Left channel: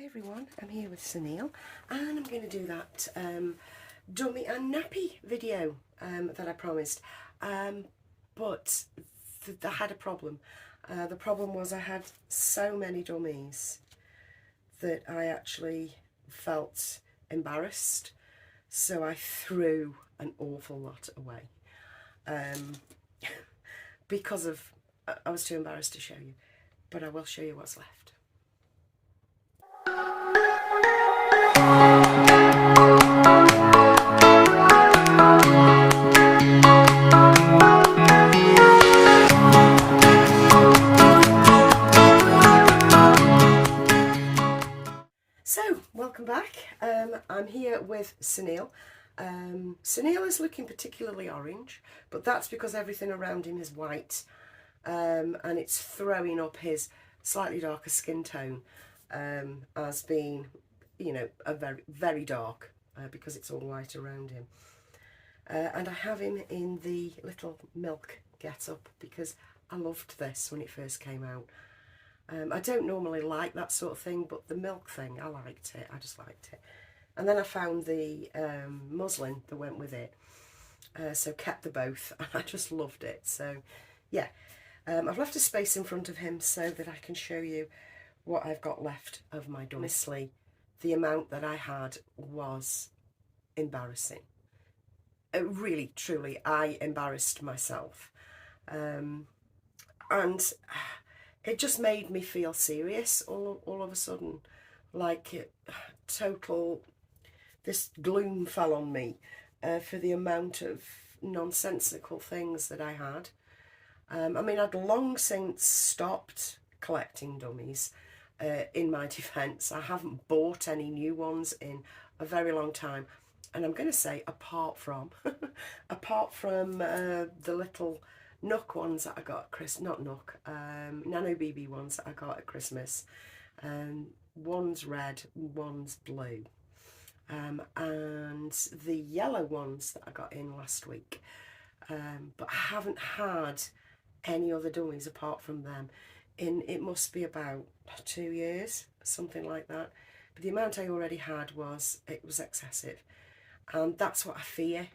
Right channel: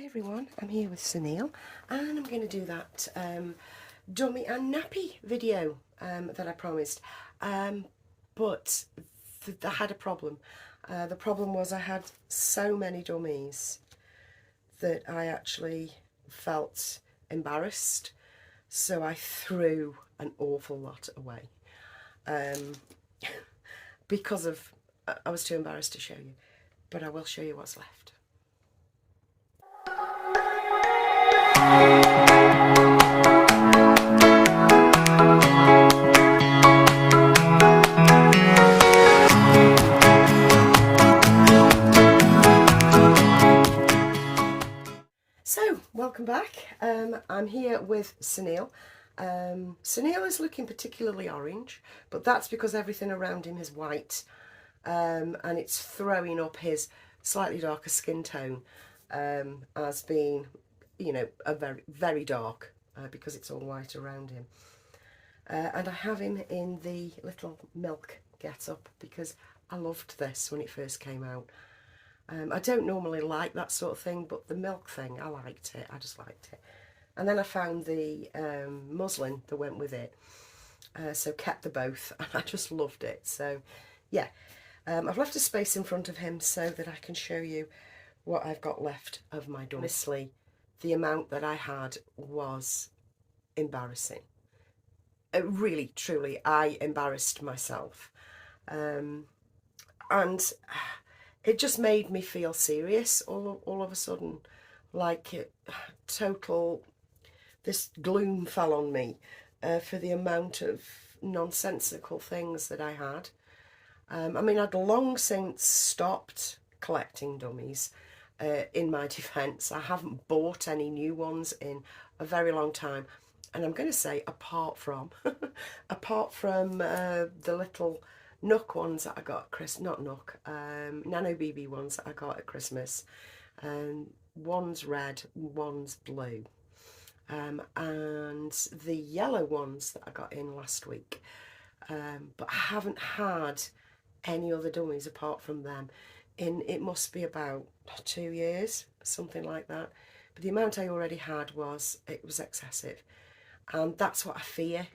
Hi everyone, I'm here with Sunil and I'm going to do that dummy and nappy video that I promised, but I had a problem. The problem was I had so many dummies that I actually felt embarrassed, so I threw an awful lot away because of I was too embarrassed to show you, but I will show you what's left. So, welcome back. I'm here with Sunil. Sunil is looking particularly orange, but that's because everything around him is white, and it's throwing up his slightly darker skin tone as being, you know, a very, very dark because it's all white around him. And I have him in the little milk get-up because I loved this when it first came out. I don't normally like that sort of thing, but the milk thing, I liked it. I just liked it. And then I found the muslin that went with it, so kept the both, and I just loved it. So, yeah, I've left a space in front of him so that I can show you what I've got left of my dummy. Honestly, the amount that I had was embarrassing. Really, truly, I embarrassed myself. And it just made me feel serious all of a sudden, like this gloom fell on me for the amount of nonsensical things that I had. I mean, I'd long since stopped collecting dummies. In my defence, I haven't bought any new ones in a very long time, and I'm going to say apart from the little Nook ones that I got at Christmas, not Nook, Nano BB ones that I got at Christmas. One's red, one's blue, and the yellow ones that I got in last week. But I haven't had any other dummies apart from them in, it must be about 2 years, something like that. But the amount I already had was excessive, and that's what I fear,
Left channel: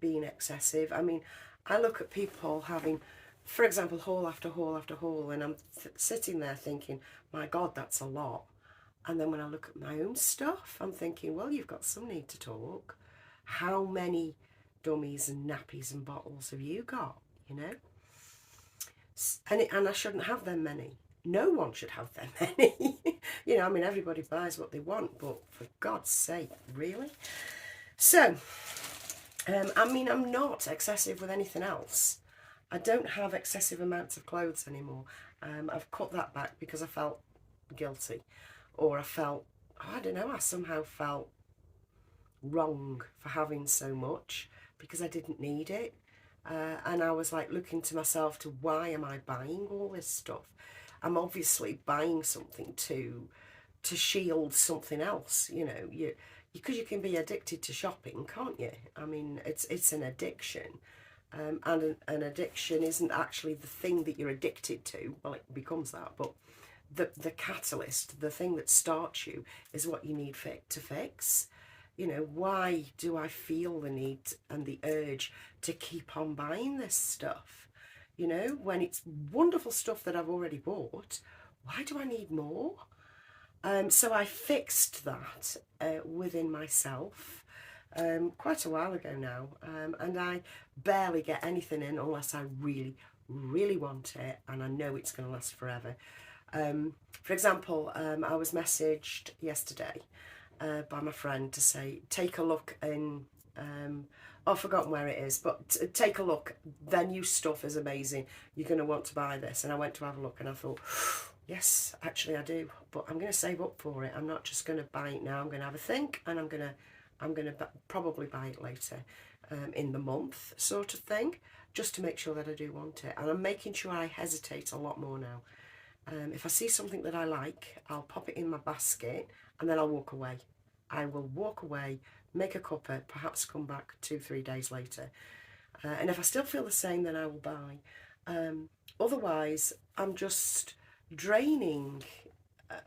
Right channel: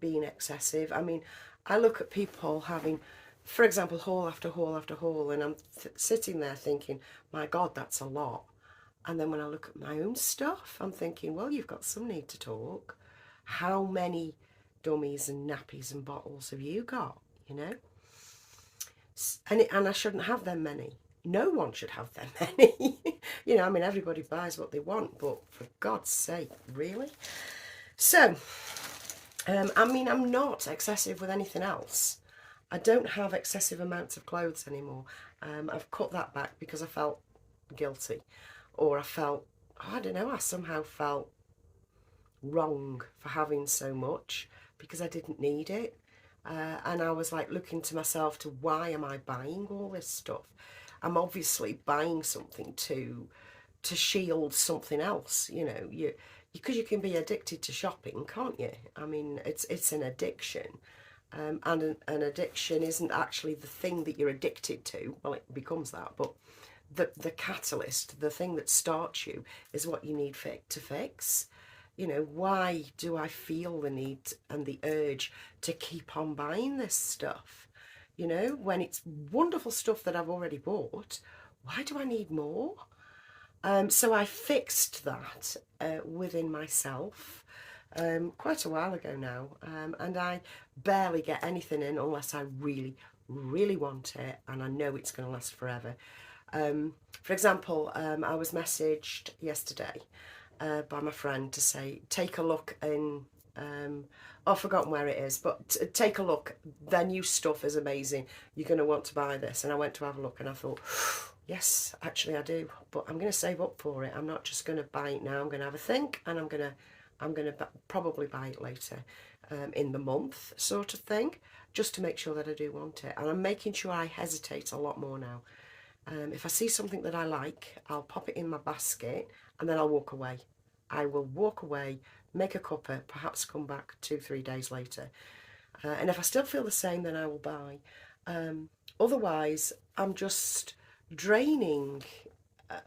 being excessive. I mean, I look at people having, for example, haul after haul after haul, and I'm sitting there thinking, my God, that's a lot. And then when I look at my own stuff, I'm thinking, well, you've got some need to talk. How many dummies and nappies and bottles have you got, you know? And I shouldn't have them many. No one should have them many. You know, I mean, everybody buys what they want, but for God's sake, really? So, I mean, I'm not excessive with anything else. I don't have excessive amounts of clothes anymore. I've cut that back because I felt guilty, or I felt, I don't know, I somehow felt wrong for having so much because I didn't need it. And I was like looking to myself to, why am I buying all this stuff? I'm obviously buying something to shield something else, you know, because you can be addicted to shopping, can't you? I mean, it's an addiction, and an addiction isn't actually the thing that you're addicted to. Well, it becomes that, but the catalyst, the thing that starts you, is what you need to fix. You know, why do I feel the need and the urge to keep on buying this stuff? You know, when it's wonderful stuff that I've already bought, why do I need more? So I fixed that within myself quite a while ago now, and I barely get anything in unless I really, really want it and I know it's going to last forever. For example, I was messaged yesterday by my friend to say, take a look in, I've forgotten where it is, but take a look, their new stuff is amazing, you're going to want to buy this. And I went to have a look and I thought, yes, actually I do, but I'm going to save up for it. I'm not just going to buy it now. I'm going to have a think, and I'm going to probably buy it later in the month, sort of thing, just to make sure that I do want it. And I'm making sure I hesitate a lot more now. If I see something that I like, I'll pop it in my basket and then I'll walk away. I will walk away, make a cuppa, perhaps come back 2-3 days later. And if I still feel the same, then I will buy. Otherwise, I'm just draining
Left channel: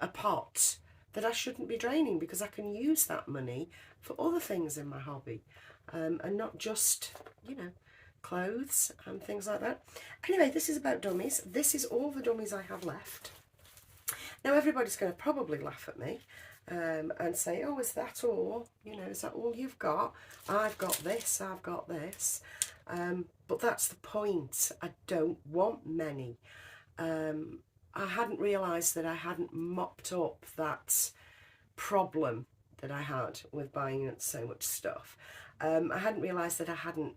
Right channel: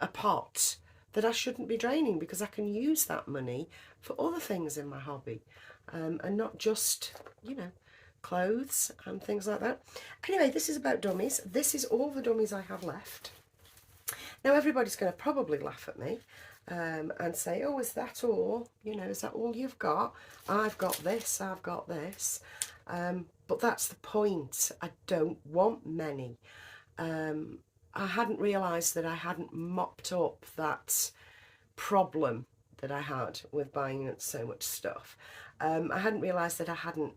a pot that I shouldn't be draining, because I can use that money for other things in my hobby, and not just, you know, clothes and things like that. Anyway, this is about dummies. This is all the dummies I have left. Now, everybody's going to probably laugh at me and say, oh, is that all? You know, is that all you've got? I've got this, I've got this. But that's the point. I don't want many. I hadn't realised that I hadn't mopped up that problem that I had with buying so much stuff. I hadn't realised that I hadn't,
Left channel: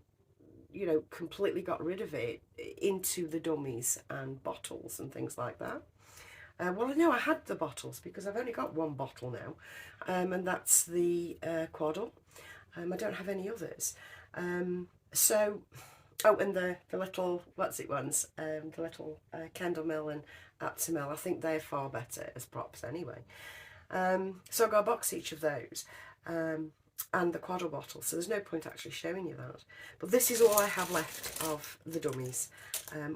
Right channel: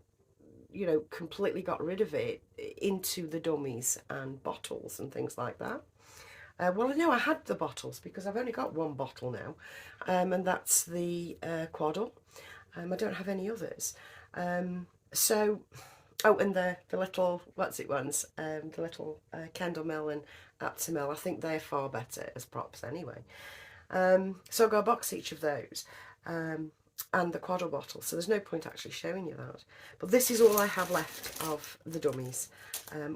you know, completely got rid of it into the dummies and bottles and things like that. Well, I know I had the bottles because I've only got one bottle now, and that's the Quaddle. I don't have any others. So, oh, and the little, what's it ones, the little Kendall Mill and Aptamil, I think they're far better as props anyway. So I've got a box each of those, and the Quaddle bottle, so there's no point actually showing you that. But this is all I have left of the dummies,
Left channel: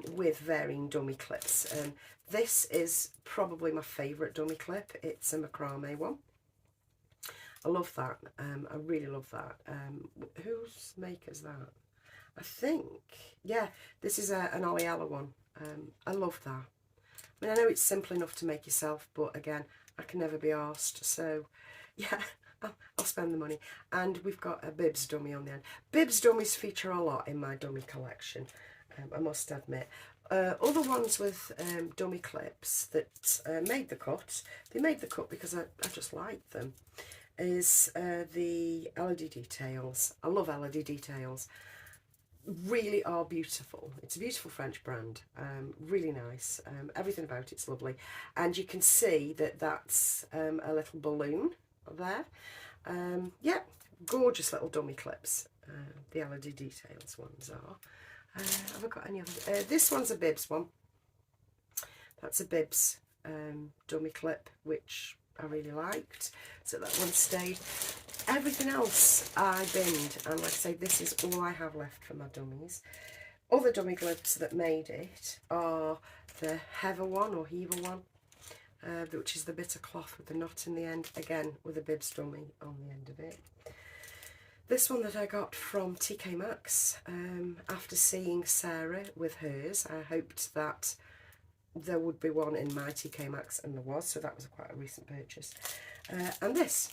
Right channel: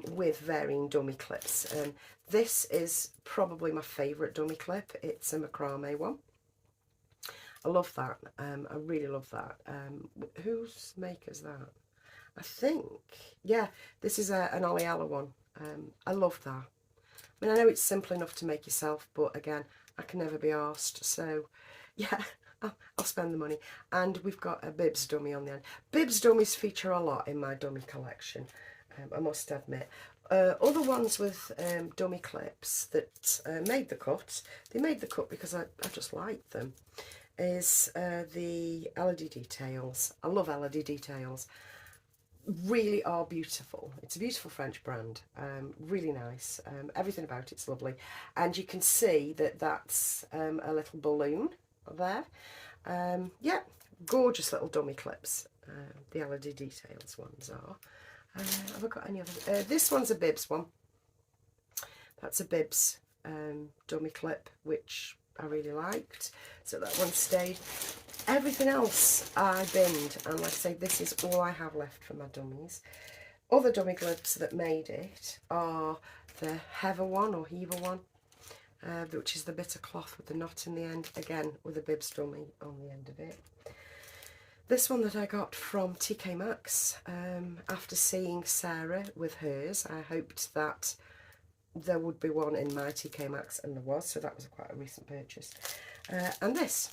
with varying dummy clips. This is probably my favourite dummy clip. It's a macrame one. I love that. I really love that. Whose maker's that? I think, yeah, this is an Oleella one. I love that. I mean, I know it's simple enough to make yourself, but again, I can never be arsed. So, yeah, I'll spend the money. And we've got a Bibs dummy on the end. Bibs dummies feature a lot in my dummy collection, I must admit. Other ones with dummy clips that made the cut, they made the cut because I just liked them, is the LED Details. I love LED Details. Really are beautiful. It's a beautiful French brand, really nice. Everything about it's lovely, and you can see that that's a little balloon there. Yeah, gorgeous little dummy clips. The LED Details ones are. Have I got any other? This one's a Bibs one. That's a Bibs dummy clip, which I really liked, so that one stayed. Everything else I binned, and I'd say this is all I have left for my dummies. Other dummy clips that made it are the Heather one, or Heaver one, which is the bit of cloth with the knot in the end, again with a Bibs dummy on the end of it. This one that I got from TK Maxx, after seeing Sarah with hers, I hoped that there would be one in my TK Maxx, and there was, so that was quite a recent purchase. And this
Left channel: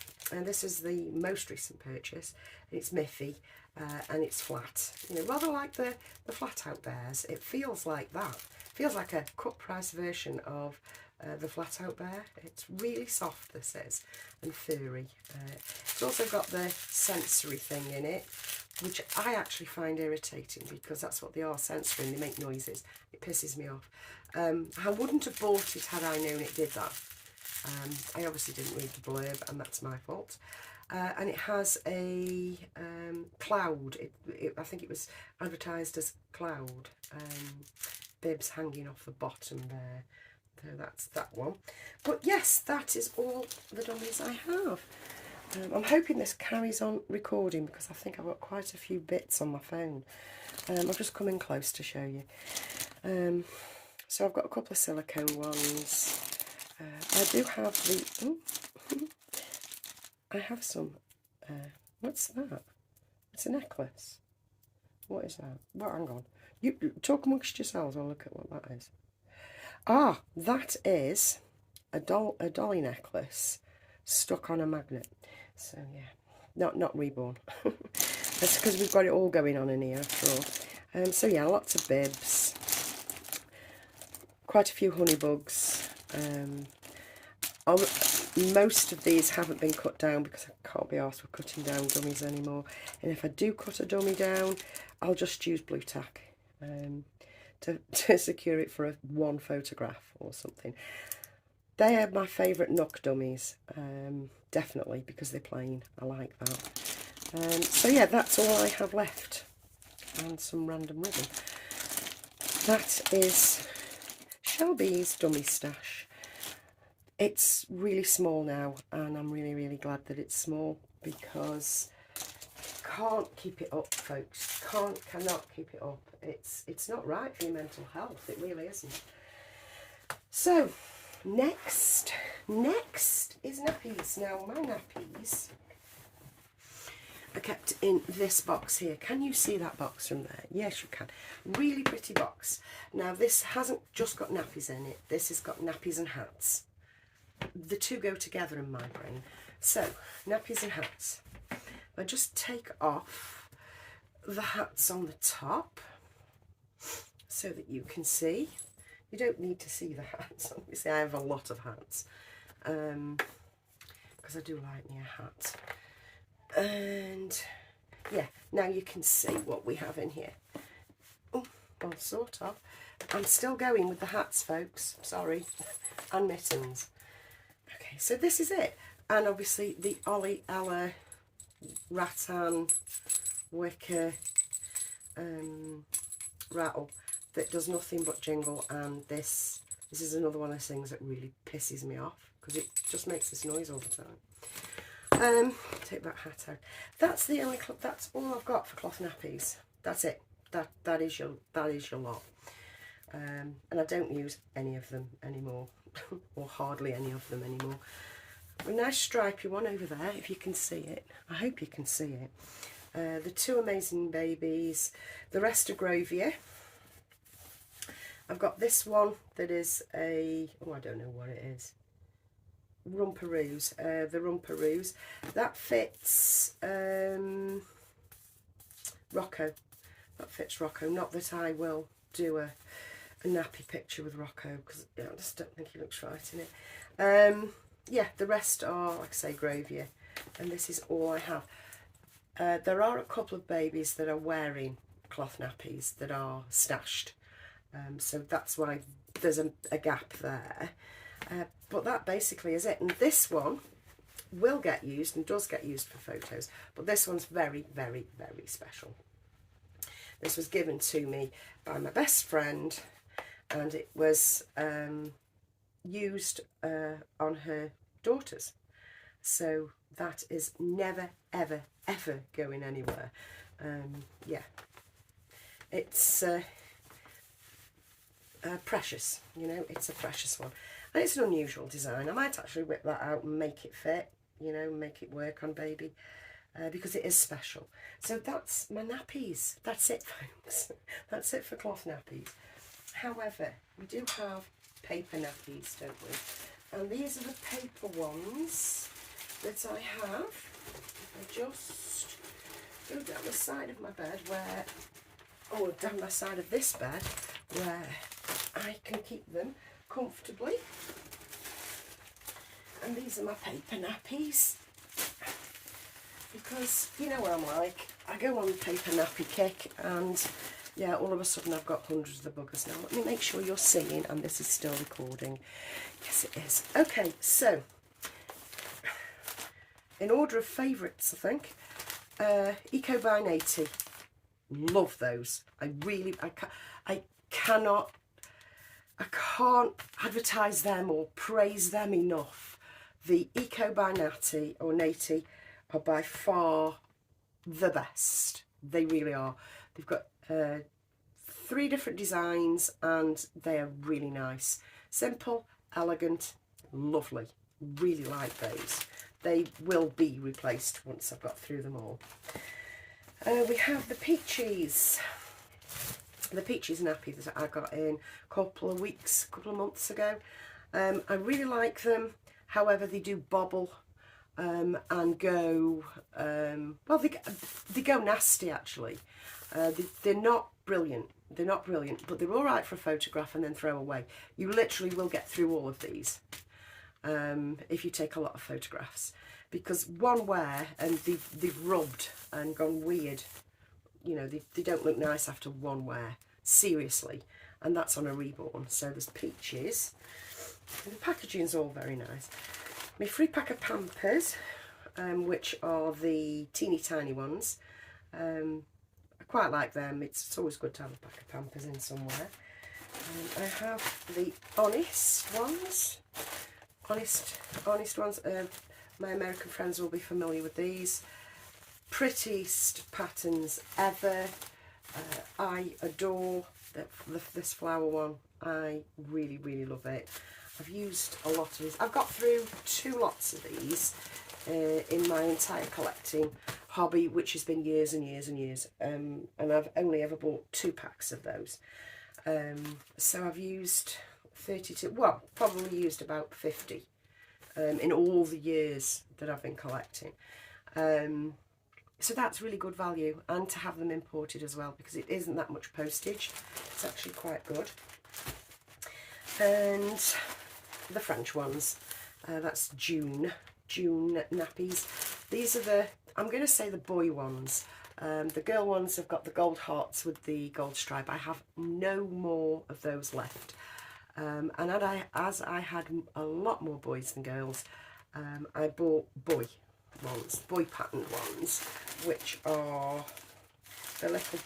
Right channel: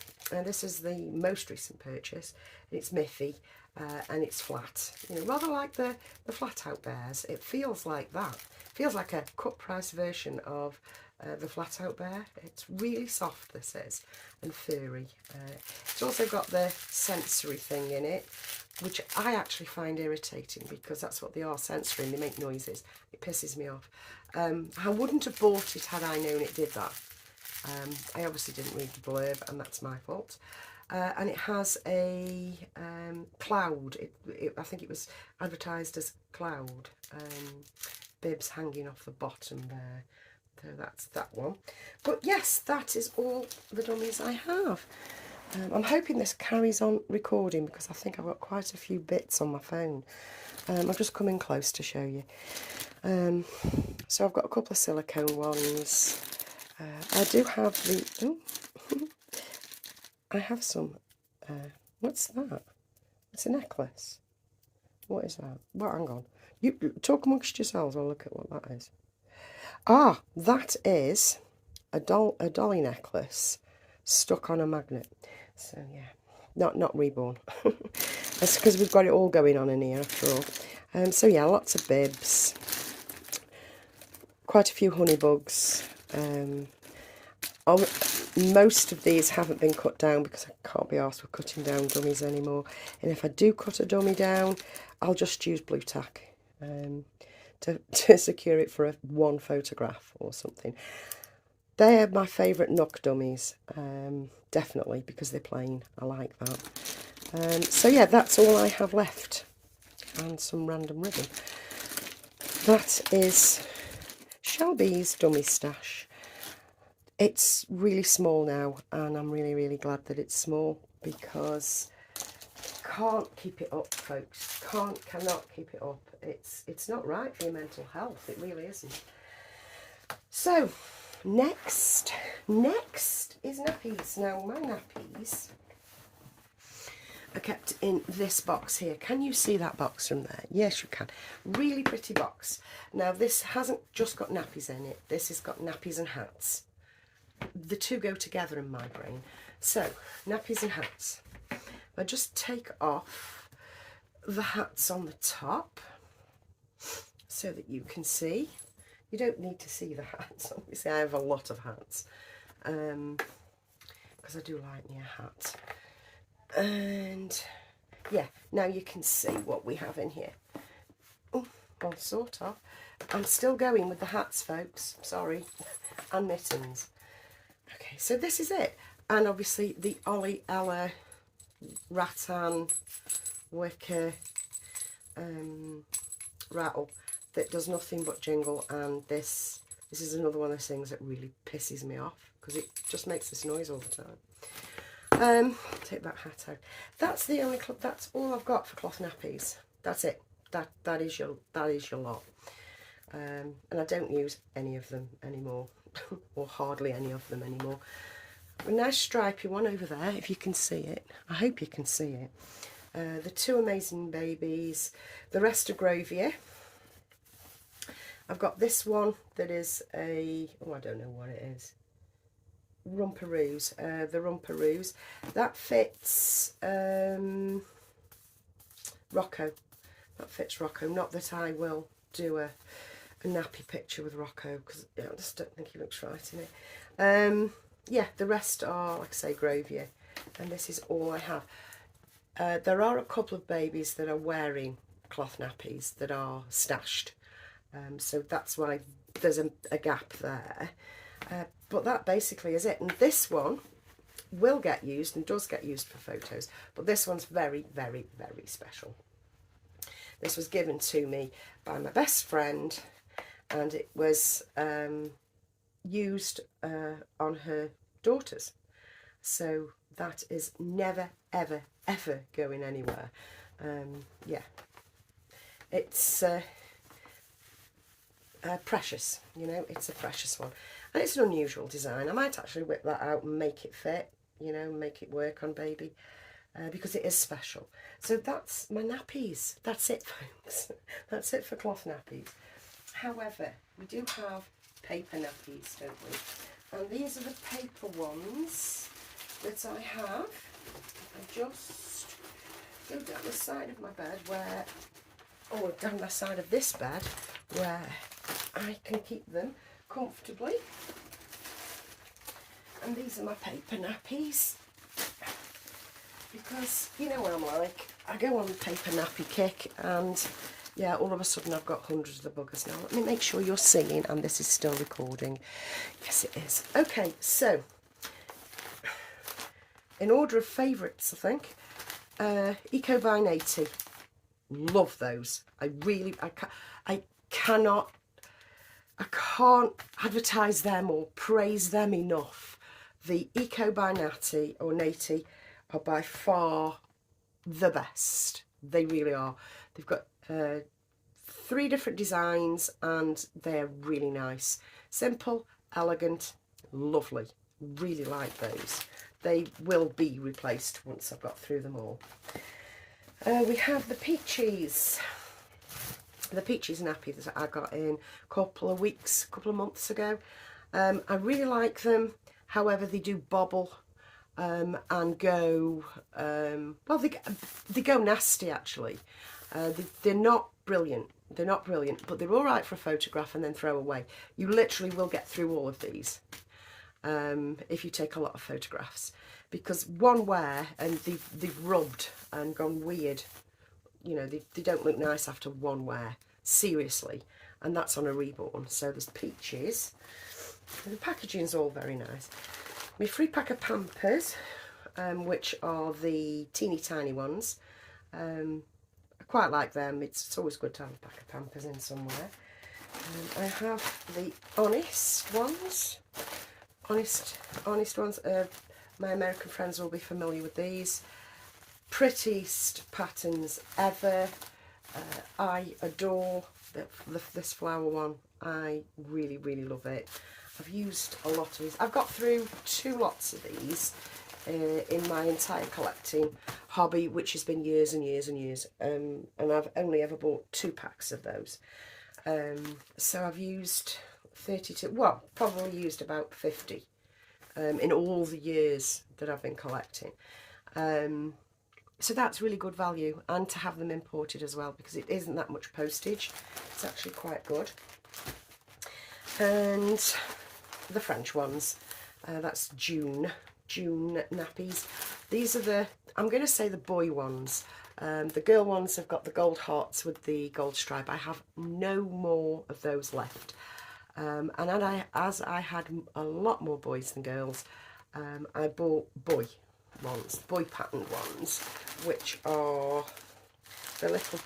is the most recent purchase. It's Miffy, and it's flat. You know, rather like the flat out bears. It feels like that. It feels like a cut price version of the flat out bear. It's really soft, this is, and furry. It's also got the sensory thing in it, which I actually find irritating because that's what they are, sensory, and they make noises. It pisses me off. I wouldn't have bought it had I known it did that. I obviously didn't read the blurb, and that's my fault. And it has a cloud. I think it was advertised as cloud. Bibs hanging off the bottom there. So that's that one. But yes, that is all the dummies I have. I'm hoping this carries on recording because I think I've got quite a few bits on my phone. I'll just come in close to show you. So I've got a couple of silicone ones. I do have the... I have some... what's that? It's a necklace. What is that? Well, hang on. You talk amongst yourselves. I'll look at what that is. Ah, that is a dolly necklace stuck on a magnet. So yeah, not Reborn. That's because we've got it all going on in here after all. So yeah, lots of bibs, quite a few honey bugs. Most of these haven't been cut down because I can't be arsed with cutting down dummies anymore. And if I do cut a dummy down, I'll just use blue tack to secure it for one photograph or something. They're my favourite Nook dummies, definitely, because they're plain. I like that. So yeah, that's all I have left. And some random ribbon. That is Shelby's dummy stash. It's really small now, and I'm really, really glad that it's small because can't keep it up, folks. Cannot keep it up. It's not right for your mental health. It really isn't. So Next is nappies. Now my nappies are kept in this box here. Can you see that box from there? Yes, you can. Really pretty box. Now this hasn't just got nappies in it. This has got nappies and hats. The two go together in my brain. So, nappies and hats. I just take off the hats on the top so that you can see. You don't need to see the hats. Obviously, I have a lot of hats because I do like me a hat. And yeah, now you can see what we have in here. Oh, well, sort of. I'm still going with the hats, folks. Sorry. And mittens. Okay, so this is it. And obviously the Ollie Ella rattan wicker rattle that does nothing but jingle, and this is another one of those things that really pisses me off because it just makes this noise all the time. Take that hat out. That's the only that's all I've got for cloth nappies. That's it. That is your lot. And I don't use any of them anymore, or hardly any of them anymore. A nice stripy one over there, if you can see it. I hope you can see it. The two Amazing Babies. The rest are Grovier. I've got this one that is a, oh, I don't know what it is. Rumperoos. The Rumperoos. That fits Rocco. That fits Rocco. Not that I will do a nappy picture with Rocco, because I just don't think he looks right in it. Yeah, the rest are, like I say, Grovier, and this is all I have. There are a couple of babies that are wearing cloth nappies that are stashed, so that's why there's a gap there. But that basically is it. And this one will get used and does get used for photos, but this one's very, very, very special. This was given to me by my best friend, and it was used on her daughters. So that is never, ever, ever going anywhere. Yeah, it's precious, you know, it's a precious one. And it's an unusual design. I might actually whip that out and make it fit, you know, make it work on baby, because it is special. So that's my nappies. That's it, folks. That's it for cloth nappies. However, we do have paper nappies, don't we? And these are the paper ones that I have. I just go down the side of my bed where, or down the side of this bed where I can keep them comfortably. And these are my paper nappies, because you know what I'm like, I go on the paper nappy kick, and yeah, all of a sudden I've got hundreds of the buggers now. Let me make sure you're seeing, and this is still recording. Yes, it is. Okay, so in order of favourites, I think, Eco by 80. Love those. I can't advertise them or praise them enough. The Eco by Natty or Nati are by far the best. They really are. They've got 3 different designs and they're really nice. Simple, elegant, lovely. Really like those. They will be replaced once I've got through them all. We have the Peaches. The Peaches nappy that I got in a couple of months ago. I really like them. However, they do bobble and go, well, they go nasty actually. They're not brilliant. They're not brilliant, but they're all right for a photograph and then throw away. You literally will get through all of these if you take a lot of photographs, because one wear and they've rubbed and gone weird. You know, they don't look nice after one wear, seriously, and that's on a Reborn. So there's Peaches, and the packaging's all very nice. My free pack of Pampers, which are the teeny tiny ones. I quite like them. It's always good to have a pack of Pampers in somewhere. I have the Honest ones. Honest ones. My American friends will be familiar with these. Prettiest patterns ever. I adore this flower one. I really, really love it. I've used a lot of these. I've got through 2 lots of these in my entire collecting hobby, which has been years and years and years. And I've only ever bought 2 packs of those. So I've used 32, well, probably used about 50 in all the years that I've been collecting. So that's really good value, and to have them imported as well, because it isn't that much postage. It's actually quite good. And the French ones, that's June nappies. These are the, I'm going to say the boy ones. The girl ones have got the gold hearts with the gold stripe. I have no more of those left. And as I had a lot more boys than girls, I bought boy patterned ones, which are the little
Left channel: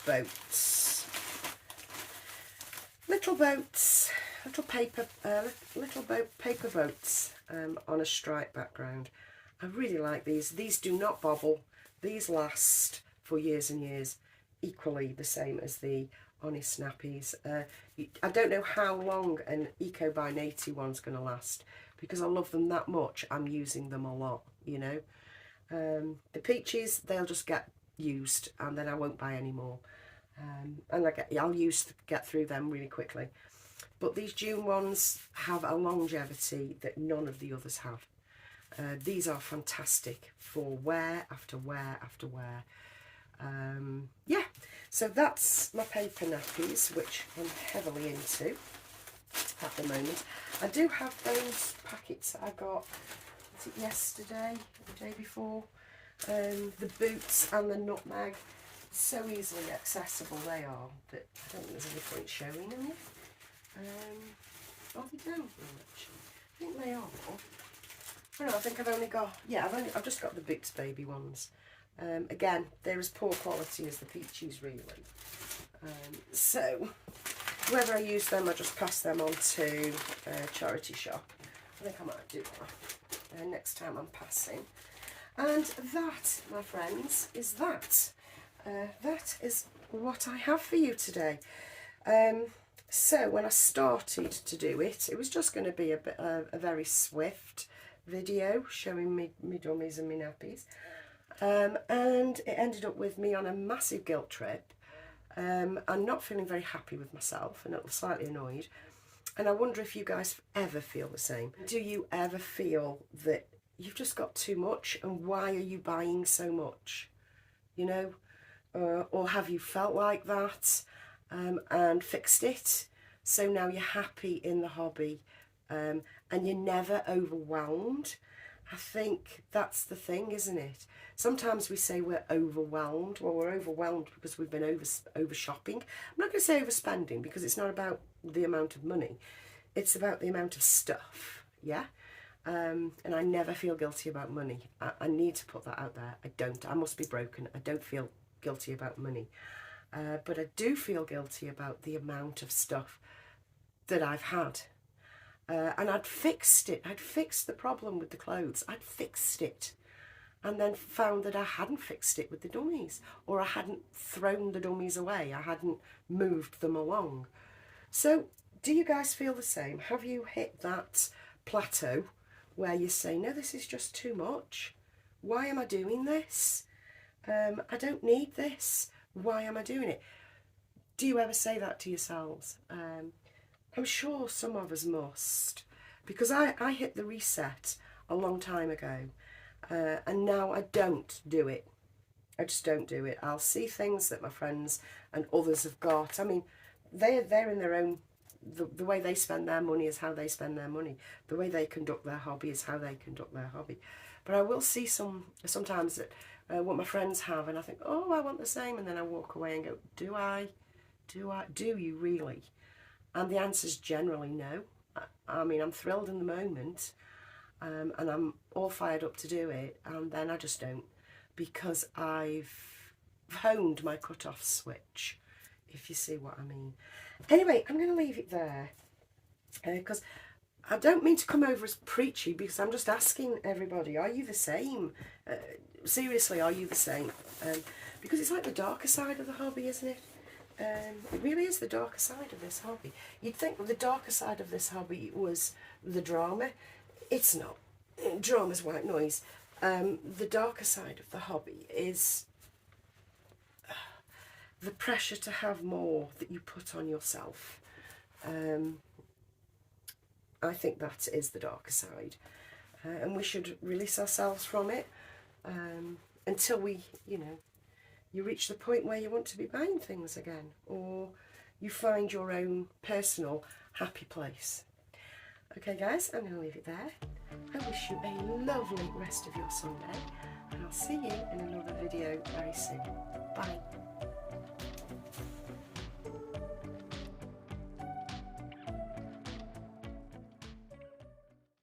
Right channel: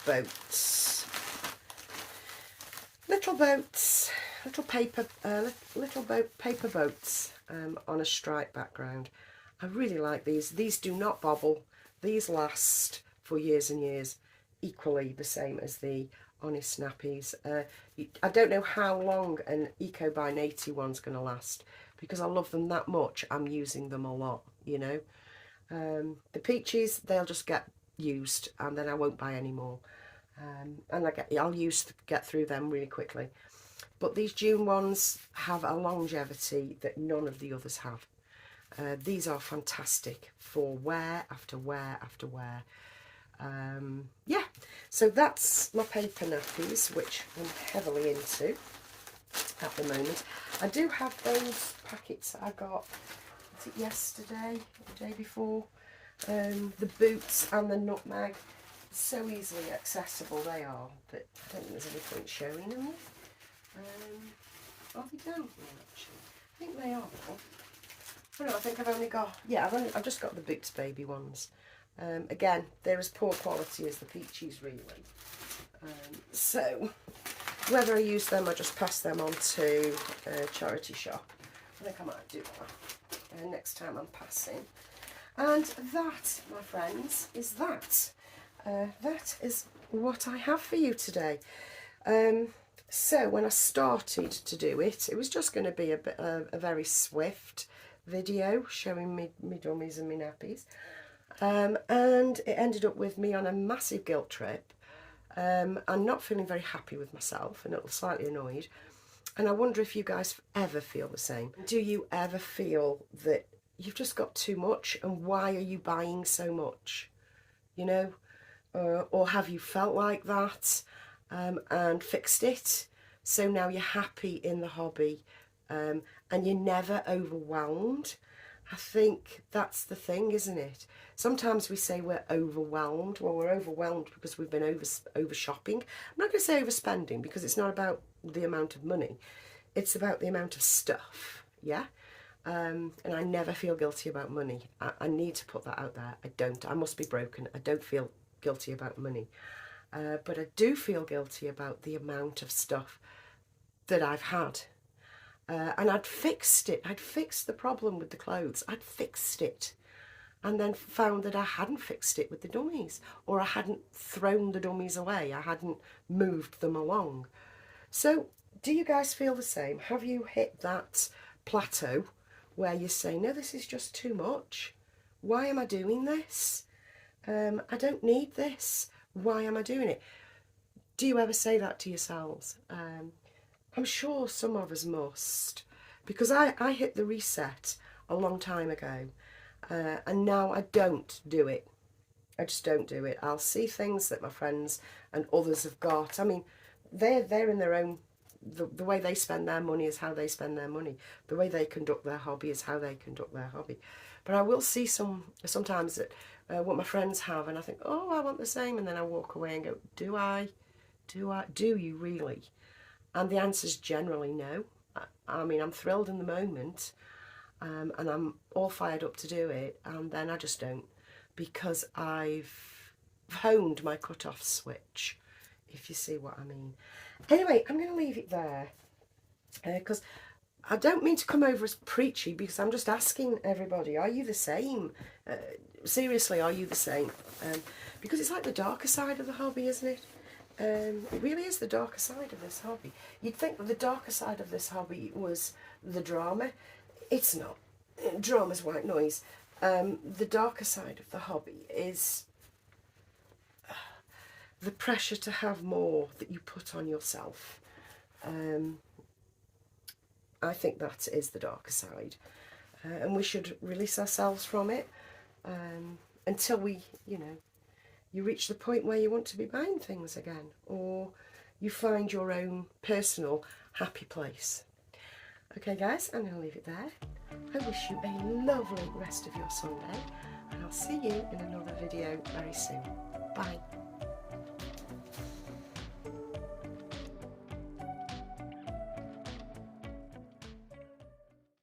paper boats on a stripe background. I really like these. These do not bobble. These last for years and years, equally the same as the Honest Nappies. I don't know how long an Eco by Naty one's going to last, because I love them that much. I'm using them a lot, you know. The peaches, they'll just get used, and then I won't buy any more. And I'll get through them really quickly. But these June ones have a longevity that none of the others have. These are fantastic for wear after wear after wear. Yeah, so that's my paper nappies, which I'm heavily into at the moment. I do have those packets that I got, was it yesterday or the day before, the boots and the nutmeg. So easily accessible they are that I don't think there's any point showing them yet. Oh, they don't actually. I think they are. Oh no, I think I've only got, yeah, I've just got the Boots baby ones. Again, they're as poor quality as the peaches, really. So whether I use them or just pass them on to a charity shop, I think I might do that next time I'm passing. And that, my friends, is that. That is what I have for you today. So when I started to do it, it was just going to be a very swift video showing me dummies and me nappies. And it ended up with me on a massive guilt trip. I'm not feeling very happy with myself and a little slightly annoyed. And I wonder if you guys ever feel the same. Do you ever feel that you've just got too much, and why are you buying so much? You know, or have you felt like that and fixed it? So now you're happy in the hobby and you're never overwhelmed. I think that's the thing, isn't it? Sometimes we say we're overwhelmed. Well, we're overwhelmed because we've been over shopping. I'm not going to say overspending, because it's not about the amount of money. It's about the amount of stuff, yeah? And I never feel guilty about money. I need to put that out there. I don't. I must be broken. I don't feel guilty about money. But I do feel guilty about the amount of stuff that I've had. And I'd fixed it. I'd fixed the problem with the clothes. I'd fixed it. And then found that I hadn't fixed it with the dummies, or I hadn't thrown the dummies away. I hadn't moved them along. So do you guys feel the same? Have you hit that plateau where you say, no, this is just too much? Why am I doing this? I don't need this. Why am I doing it? Do you ever say that to yourselves? I'm sure some of us must, because I hit the reset a long time ago, and now I don't do it. I just don't do it. I'll see things that my friends and others have got. I mean, they're in their own, the way they spend their money is how they spend their money. The way they conduct their hobby is how they conduct their hobby. But I will see sometimes that what my friends have, and I think, oh, I want the same, and then I walk away and go, do I? Do you really? And the answer is generally no. I mean, I'm thrilled in the moment, and I'm all fired up to do it, and then I just don't, because I've honed my cut-off switch, if you see what I mean. Anyway, I'm going to leave it there, because I don't mean to come over as preachy, because I'm just asking everybody, are you the same? Seriously, are you the same? Because it's like the darker side of the hobby, isn't it? It really is the darker side of this hobby. You'd think that the darker side of this hobby was the drama. It's not. Drama's white noise. The darker side of the hobby is the pressure to have more that you put on yourself. I think that is the darker side. And we should release ourselves from it until we, you know, you reach the point where you want to be buying things again, or you find your own personal happy place. Okay guys, I'm going to leave it there. I wish you a lovely rest of your Sunday, and I'll see you in another video very soon. Bye.